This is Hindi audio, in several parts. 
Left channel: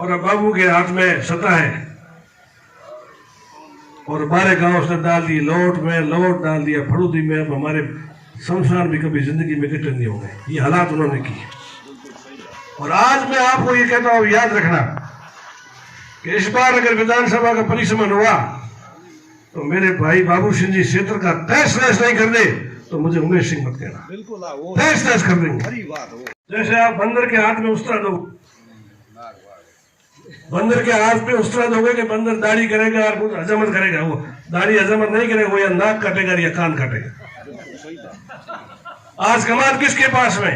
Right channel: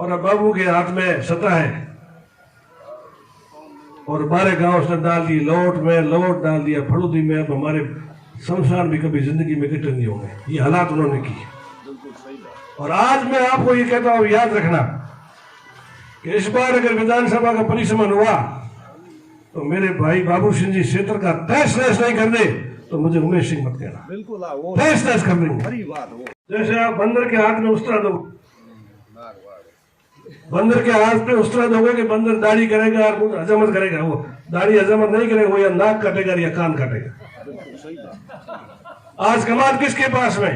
और अब बाबू के हाथ में सत्ता है और 12 गांव उसने डाल दिए, लौट में लौट डाल दिया, फड़ूदी में। अब हमारे शमशान भी कभी जिंदगी में कटे नहीं होंगे। ये हालात उन्होंने किए। और आज मैं आपको ये कहता हूं, याद रखना कि इस बार अगर विधानसभा का परिसमन हुआ तो मेरे भाई बाबू सिंह जी क्षेत्र का तहस नहस नहीं कर दे तो मुझे उमेश सिंह मत कहना, तहस नहस कर देंगे। जैसे आप बंदर के हाथ में उस्तरा दो, बंदर के हाथ पे उस्तरा दोगे कि बंदर दाढ़ी करेगा और हजमत करेगा, वो दाढ़ी हजमत नहीं करेगा, वो या नाक काटेगा या कान काटेगा। आज कमाल किसके पास में?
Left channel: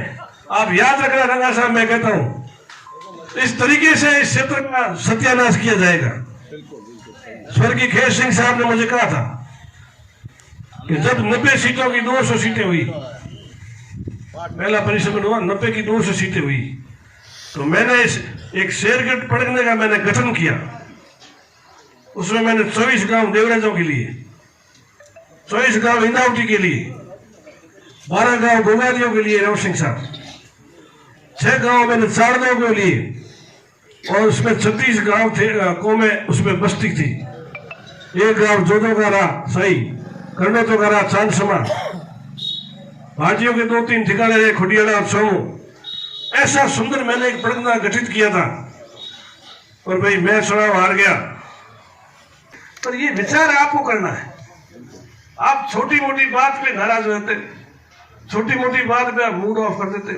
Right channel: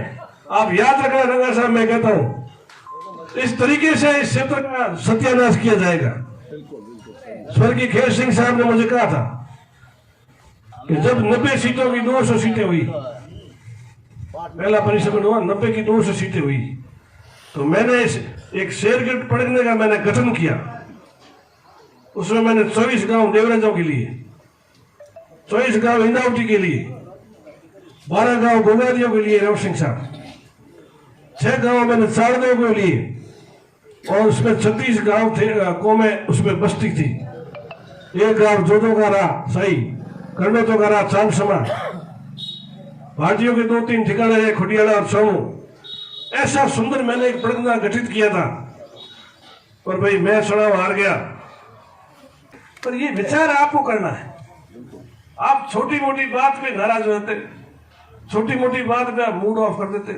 आप याद रखना रंगा साहब, मैं कहता हूं इस तरीके से इस क्षेत्र का सत्यानाश किया जाएगा। स्वर्गीय खेत सिंह साहब ने मुझे कहा था कि जब 90 सीटों की 200 सीटें हुई, पहला परिसमन हुआ, 90 की 200 सीटें हुई, तो मैंने एक शेरगढ़ पढ़ने का मैंने गठन किया। उसमें मैंने 24 गांव देवराजों के लिए, 24 गांव इंदावटी के लिए, 12 गांव गोगारियों के लिए रव सिंह साहब, 6 गांव मैंने साड़दों के लिए, और उसमें 36 गांव थे कौमें उसमें बस्ती थी। 1 गांव जोदोगारा सही, कर्णोतोगारा, चांदसमा, भाजियों के 2-3 ठिकाने रहे, खुटियाड़ा और सोमू। ऐसा सुंदर मैंने एक परगना गठित किया था, और भाई मैं चुनाव हार गया। पर ये विचार आपको करना है। आप छोटी मोटी बात पे नाराज रहते, छोटी मोटी बात पे मूड ऑफ कर देते।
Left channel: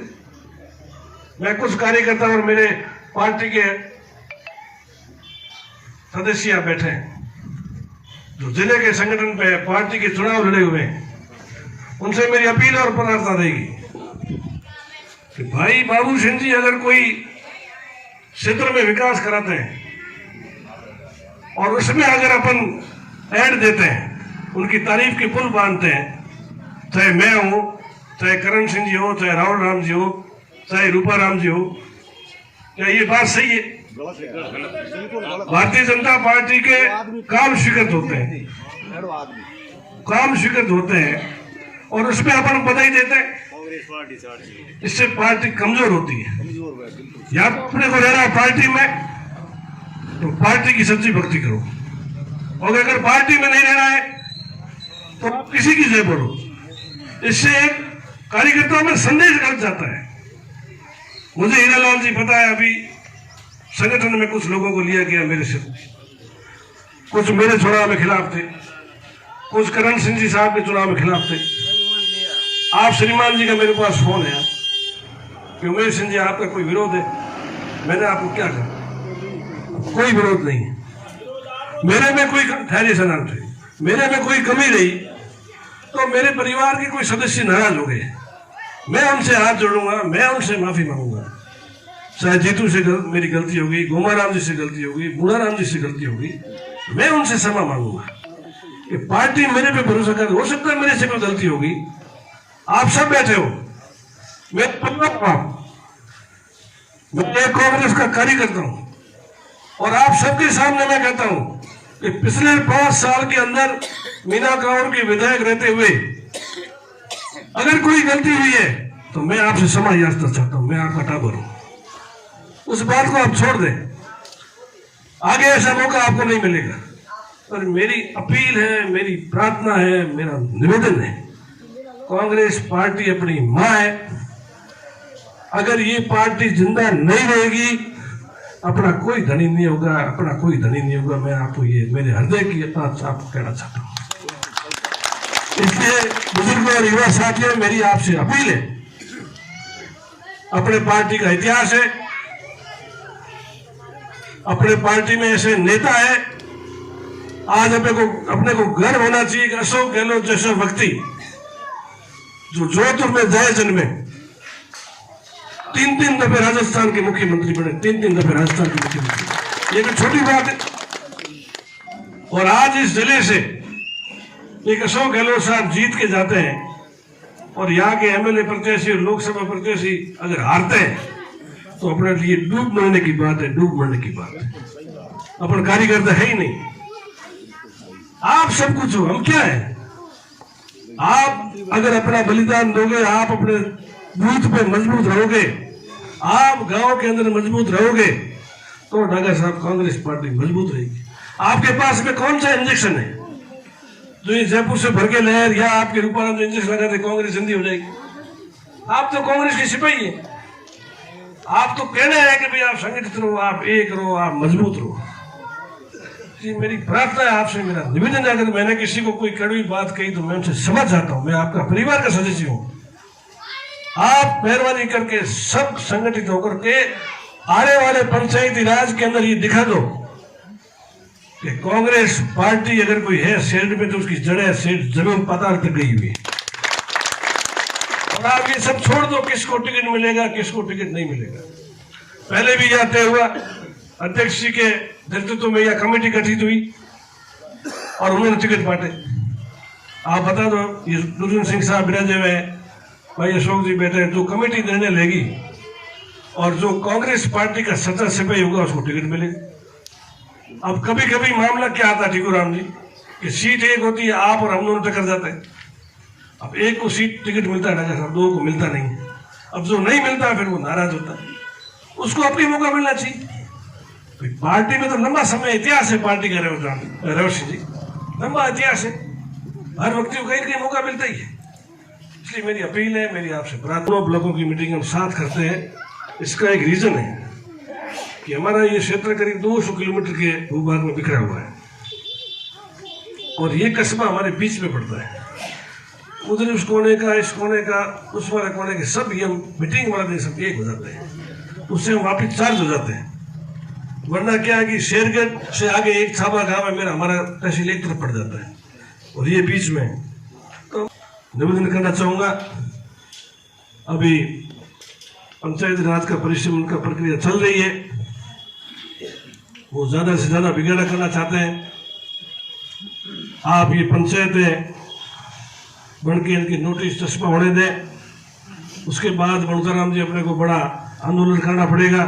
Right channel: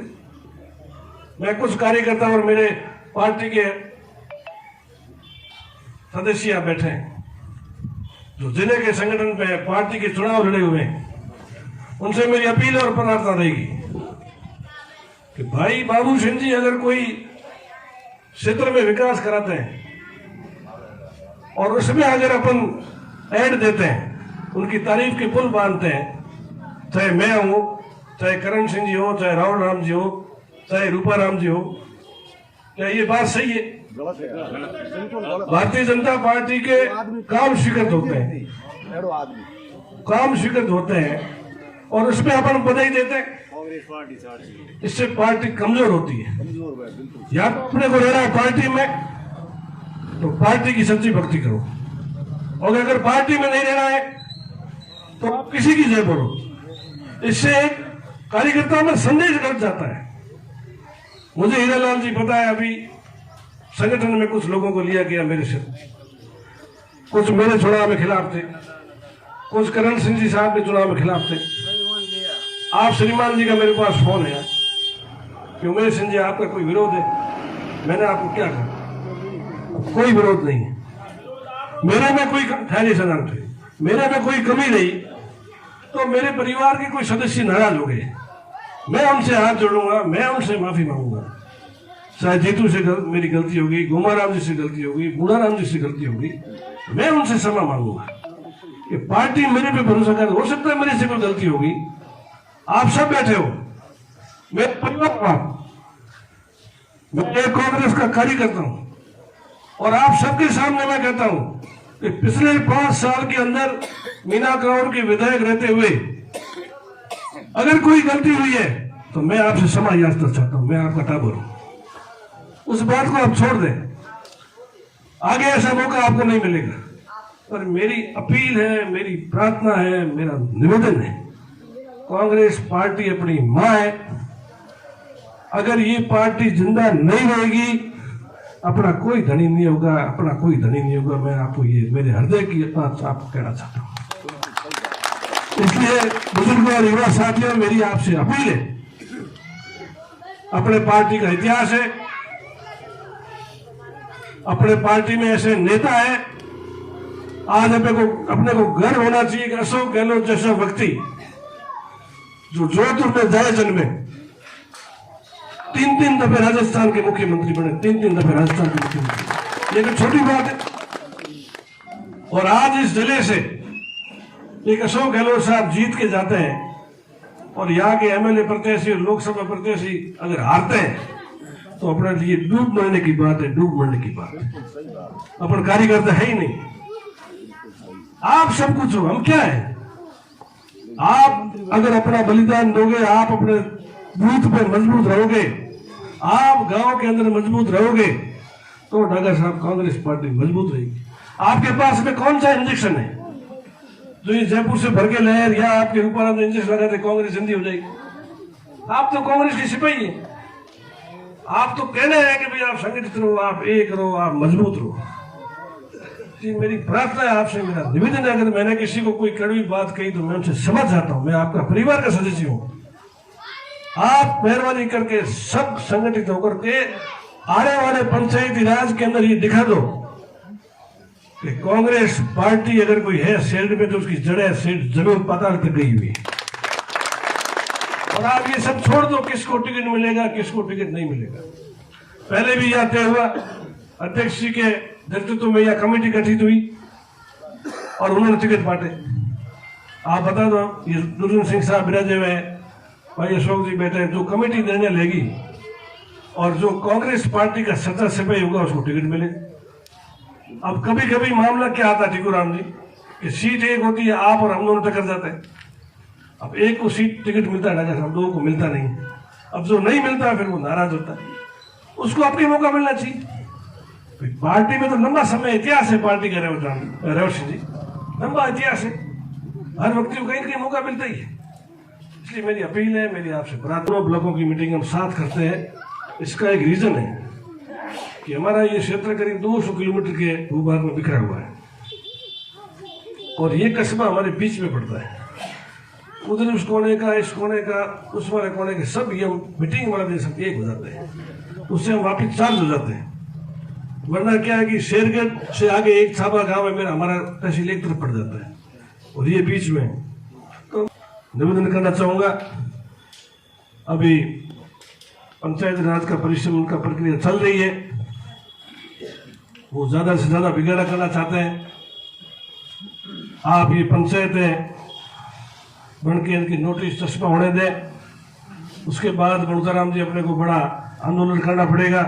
मैं कुछ कार्यकर्ता और मेरे पार्टी के सदस्य बैठे हैं जो जिले के संगठन पे पार्टी के चुनाव लड़े हुए हैं, उनसे मेरी अपील और प्रार्थना रहेगी कि भाई बाबू सिंह जी अगर कोई क्षेत्र में विकास कराते हैं और उसमें अगर अपन ऐड देते हैं, उनकी तारीफ के पुल बांधते हैं, चाहे मैं हूं, चाहे करण सिंह जी हो, चाहे राहुल राम जी हो, चाहे रूपा राम जी हो, क्या ये बात सही है? भारतीय जनता पार्टी के काम स्वीकृत होते हैं, काम स्वीकृत होते हैं और उसमें अपन बधाई देते हैं, इससे पार्टी कमजोर होती है। या अपने को रहना पार्टी में तो पार्टी की सच्ची भक्ति करो, और अगर पार्टी में नहीं रहना है तो आप किसी की जय बोलो। इससे एक कार्यकर्ताओं में संदेश घट जाता है। मुझे हीरालाल जी पता है, अभी संगठन में कुछ लोगों को लिया गया मेरे से, कुछ मेरे चुनाव में खिलाफ थे, कुछ करण सिंह जी साहब के चुनाव में खिलाफ थे। आप श्रीमान जी का मेरे पास फोन है कि उमेश सिंह जी आपका कोई विरोध है? मैंने आपको क्या कहा? कोई विरोध नहीं है। मेरे में कोई खैर सनाम थे, मेरे में कोई कमी रही तो मेरे परिवार के कोई सदस्य नाराज हो गए, मैं उनसे हाथ जोड़ूंगा, मैं उनसे माफी मांगूंगा। चाहे जीतू से मेरी गलती होगी, गोमाराम जी से गलती होगी, बूढ़ाराम जी से गलती होगी, मैं उनसे क्षमा मांगूंगा कि पार्टी मेरे पे भरोसा कर। हो सकता है मेरे से कोई गलती होगी, आप सब बैठे हो, मैं एक कांग्रेस का कार्यकर्ता हूं और आप सबके सामने मैं कहता हूं कि पिछले 5 साल के अंदर मीना कांवर के विधायक रहते हुए अगर कोई गलती हुई है तो मैं आपसे क्षमा याचना चाहता हूं। मैं आपका टाबर हूं, उस बात को आप छोड़ दें, आगे ऐसा मौका आपको नहीं मिलेगा। पर मेरी अपील है, मेरी प्रार्थना है, मेरा निवेदन है, कांग्रेस पार्टी अपनी मां है। अगर ये पार्टी जिंदा नहीं रहेगी, अपना कोई धनी नहीं होगा, अपना कोई धनी नहीं होगा। मैं आपको ये मेरे हृदय की बात आपको कहना चाहता हूं। इसलिए बुजुर्गों और युवा साथियों, मेरी आपसे अपील है, अपने पार्टी का इतिहास है, अपने पार्टी में ऐसे नेता है, आज अपने को गर्व होना चाहिए कि अशोक गहलोत जैसा व्यक्ति जो जोधपुर में जाए जन्मे, 3 दफे राजस्थान के मुख्यमंत्री बने, 3 दफे राजस्थान के मुख्यमंत्री, ये कोई छोटी बात है। और आज इस जिले से एक अशोक गहलोत साहब जीत के जाते हैं और यहाँ के एमएलए प्रत्याशी और लोकसभा प्रत्याशी अगर हारते हैं तो अपने लिए डूब मरने की बात है, डूब मरने की बात है। अपन कार्यकर्ता है ही नहीं, आप सब कुछ हो, हम क्या है? आप अगर अपना बलिदान दोगे, आप अपने बूथ पे मजबूत रहोगे, आप गांव के अंदर मजबूत रहोगे, तो डागा साहब कांग्रेस पार्टी मजबूत रहेगी। आपके पास में कौन सा इंजेक्शन है जो ये जयपुर से भर के लहर या आपके रूपाराम इंजेक्शन लगा दे कांग्रेस जिंदी हो जाएगी? आप तो कांग्रेस के सिपाही है। आप तो कहने हैं कि भाई आप संगठित रहो, आप एक रहो, आप मजबूत रहो। मेरी प्रार्थना है आपसे, मेरा निवेदन है, अगर मैंने किसी को कोई कड़वी बात कही तो मैं उनसे समझ जाता हूं, मैं आपका परिवार का सदस्य हूं। आप मेहरबानी करके सब संगठित होकर के आने वाले पंचायती राज के अंदर ये दिखा दो कि कांग्रेस पार्टी अगर कोई है शहर में तो उसकी जड़ें जमीन पाताल तक गई हुई है। और आप ये सब छोड़ दो, किसको टिकट मिलेगा किसको टिकट नहीं मिलेगा। पहले भी यह तय हुआ, अध्यक्ष जी के नेतृत्व में यह कमेटी गठित हुई और उन्होंने टिकट बांटे। आप बता दो, ये दुर्जन सिंह साहब विराजे हुए, भाई अशोक जी बैठे, तो कमेटी निर्णय लेगी और जो कांग्रेस पार्टी का सच्चा सिपाही होगा उसको टिकट मिलेगा। अब कभी कभी मामला क्या आता है टिकूराम जी कि सीट एक होती है, आप और हम दोनों टक्कर जाते हैं। अब एक को सीट टिकट मिलता है, दो को मिलता नहीं। अब जो नहीं मिलता है फिर वो नाराज होता है, उसको अपनी मौका मिलना चाहिए। पार्टी में तो लंबा समय इतिहास है पार्टी का, रवि जी लंबा इतिहास है, हर व्यक्ति को कहीं कहीं मौका मिलता ही है। इसलिए मेरी अपील है, मेरी आपसे प्रार्थना, ब्लॉकों की मीटिंग हम साथ करते हैं। इसका एक रीजन है कि हमारा ये क्षेत्र करीब 200 किलोमीटर के भूभाग में बिखरा हुआ है और ये कस्बा हमारे बीच में पड़ता है। उधर उस कोने का, इस कोने का, उस वाले कोने के सब ये हम मीटिंग वाला दिन सब एक हो जाते हैं, उससे हम वापिस चार्ज हो जाते हैं। वरना क्या है कि शेरगढ़ से आगे एक छाबा गांव है मेरा, हमारा तहसील एक तरफ पड़ जाता है और ये बीच में। तो निवेदन करना चाहूंगा, अभी पंचायत राज का परिश्रम का प्रक्रिया चल रही है, वो ज्यादा से ज्यादा बिगाड़ा करना चाहते हैं। आप ये पंचायतें बन के इनकी नोटिस चस्पा होने दें, उसके बाद बलूताराम जी अपने को बड़ा आंदोलन करना पड़ेगा।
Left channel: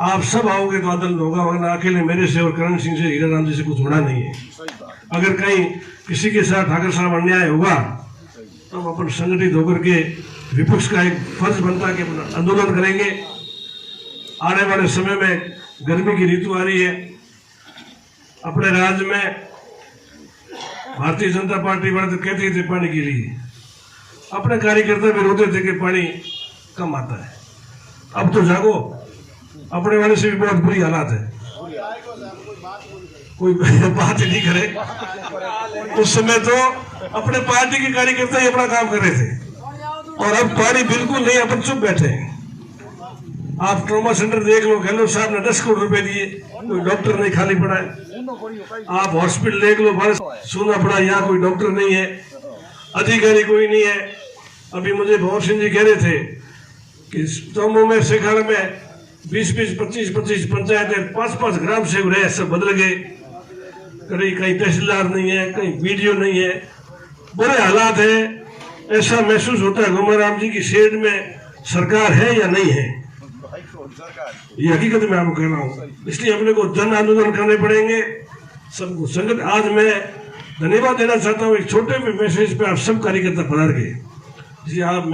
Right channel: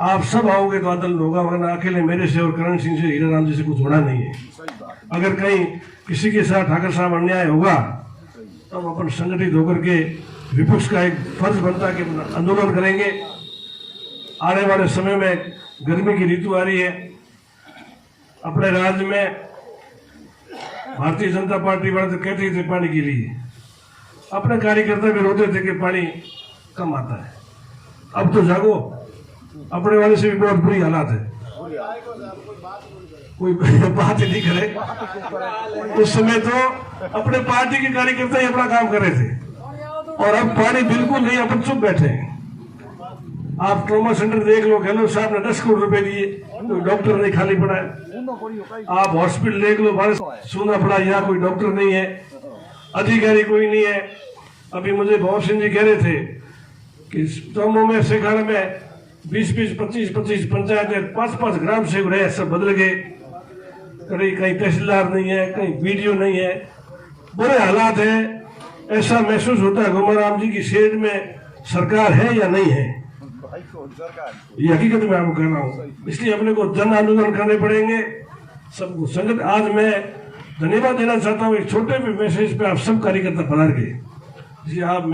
आप सब आओगे तो आंदोलन होगा, वरना अकेले मेरे से और करण सिंह से, हीरा राम जी से कुछ होना नहीं है। अगर कहीं किसी के साथ ठाकर साहब अन्याय होगा तो हम अपन संगठित होकर के विपक्ष का एक फर्ज बनता है कि आंदोलन करेंगे। आने वाले समय में गर्मी की ऋतु आ रही है, अपने राज्य में भारतीय जनता पार्टी वाले तो कहती थे पानी के लिए, अपने कार्यकर्ता भी रोते थे कि पानी कम आता है। अब तो जागो, अपने वाले से भी बहुत बुरी हालात है, कोई बात नहीं करे। उस समय तो अपने पार्टी के कार्यकर्ता ही अपना काम कर रहे थे और अब पानी बिल्कुल नहीं, अपन चुप बैठे हैं। आप ट्रॉमा सेंटर देख लो, गहलोत साहब ने 10 करोड़ रुपए दिए, कोई डॉक्टर नहीं खाली पड़ा है। आप हॉस्पिटल देख लो, बारिश सोना पड़ा, यहाँ कोई डॉक्टर नहीं है, अधिकारी कोई नहीं है। अभी मुझे भवन सिंह जी कह रहे थे कि तोमो में शेखाड़ा में 20-20, 25-25 पंचायतें, 5-5 ग्राम सेवक रहे, सब बदल गए। कहीं तहसीलदार नहीं है, कहीं वीडियो नहीं है, बुरे हालात है। ऐसा महसूस होता है गोमाराम जी की शहर में सरकार है या नहीं है, ये हकीकत में आपको कहना हूँ। इसलिए अपने को जन आंदोलन करने पड़ेंगे सबको संगठन। आज मैं धन्यवाद देना चाहता हूँ एक छोटे भी मैसेज पे आप सब कार्यकर्ता पधार गए, जिसे आप